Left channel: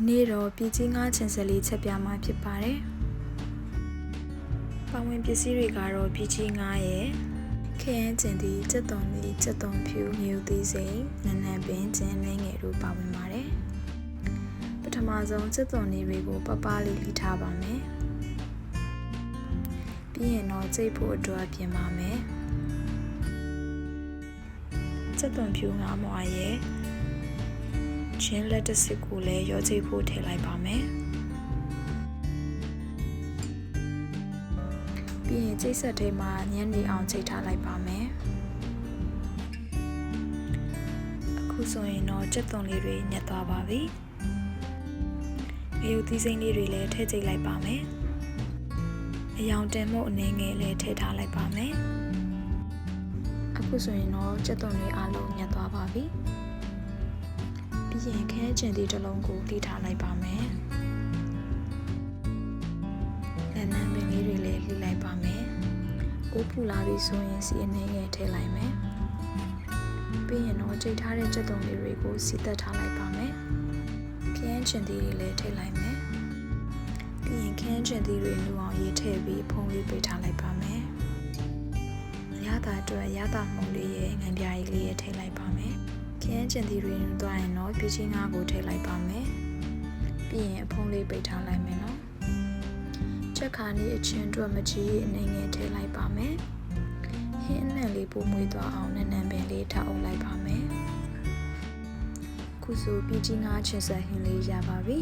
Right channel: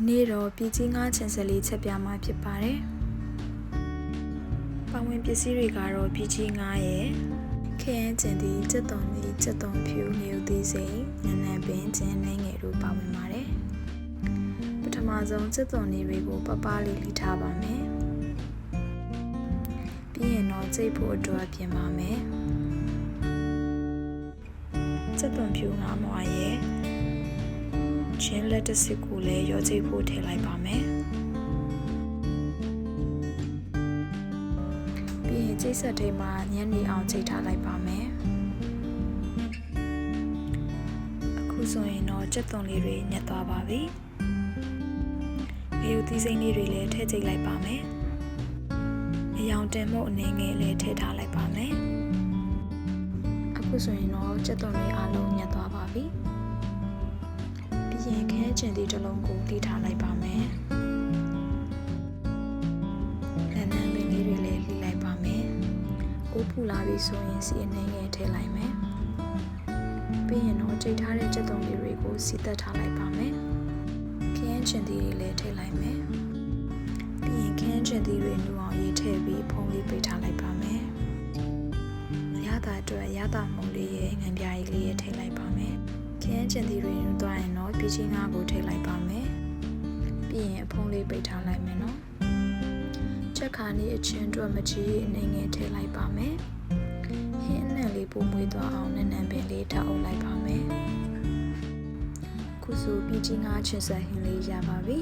ဒီနေ့တော့ပြည်ကြီးငါးချင်စလေးချက်ပြမှာဖြစ်ပါတယ်။ပါဝင်ပစ္စည်းတွေကတော့ပြည်ကြီးငါးရဲ့ခရမ်းကျင်သည်စက်သွန်သည်စက်သွန်ဖြူမြူသီးစိမ်နန်းနန်းပင်ကျင်းနှင်းငယ်တို့ပါဝင်ပါတယ်။ပထမဆုံးစက်သွန်လေးတွေကိုပပလေးလိထားပါမယ်။ပြီးရင်တော့ကြိတ်ဖို့အတွက်ပြင်ပါမယ်။စက်သွန်ဖြူငါးမွားရဲ့ ချင်းလက်တစ်စစ်ကိုလည်းရောကြိတ်ဖို့ထည့်လိုက်ပါမယ်ပြီးရင်ကြိတ်ဆက်ထဲမှာညံ့နေအောင်ကြိတ်ထားလိုက်ပါမယ်အခုဆိုရင်တော့ကြက်သွန်လေးတွေညက်သွားပါပြီငရုတ်သီးစိမ်းလေးတွေလည်းထည့်ကြိတ်လိုက်ပါမယ်အယောင်တင်မှုအနေငယ်လည်းထည့်ထားလိုက်ပါမယ်အခုဆိုရင်တော့ကြက်သွန်တွေအားလုံးညက်သွားပါပြီ ပြီးရင်ခဲကျင်သည့်တစ်လုံးကိုလှိထားလိုက်ပါမယ်။လက်နံပင်လေးတွေလည်းလှိလိုက်ပါမယ်။အိုးပူလာပြီဆိုရင်စီအနေငယ်ထည့်လိုက်မယ်။ပြီးရင်တော့ကြိတ်ထားတဲ့ကြက်သွန်လေးတွေကိုစီသက်ထားလိုက်ပါမယ်။ခရမ်းကျင်သီးတွေလည်းထည့်လိုက်မယ်။ပြီးရင်ခရမ်းကျင်သီးတွေနူအောင်ရေးထည့်ပြီးဖုံးလေးပိတ်ထားလိုက်ပါမယ်။ရတာအတွက်ရတာမှုန်လေးရဲ့ငံပြားကြီးလေးရဲ့ထည့်လိုက်ပါမယ်။ခ ရမ်းကျင်သီတွေနူသွားရင်တော့ပြည်ချင်းငါးကိုထည့်လိုက်ပါမယ်ပြီးရင်အဖုံးလေးပိတ်ထားလိုက်မယ်နော်ချက်ခါနေအချင်းအတွက်မကြီးအနေငယ်ထည့်လိုက်ပါမယ်ဟင်းအနံ့လေးပိုးမွေးသွားအောင်နန်းနံပင်လေးထားအုပ်လိုက်ပါမယ်ခုဆိုပြည်ချင်းငါးချင်ဆက်ဟင်းလေးရပါပြီ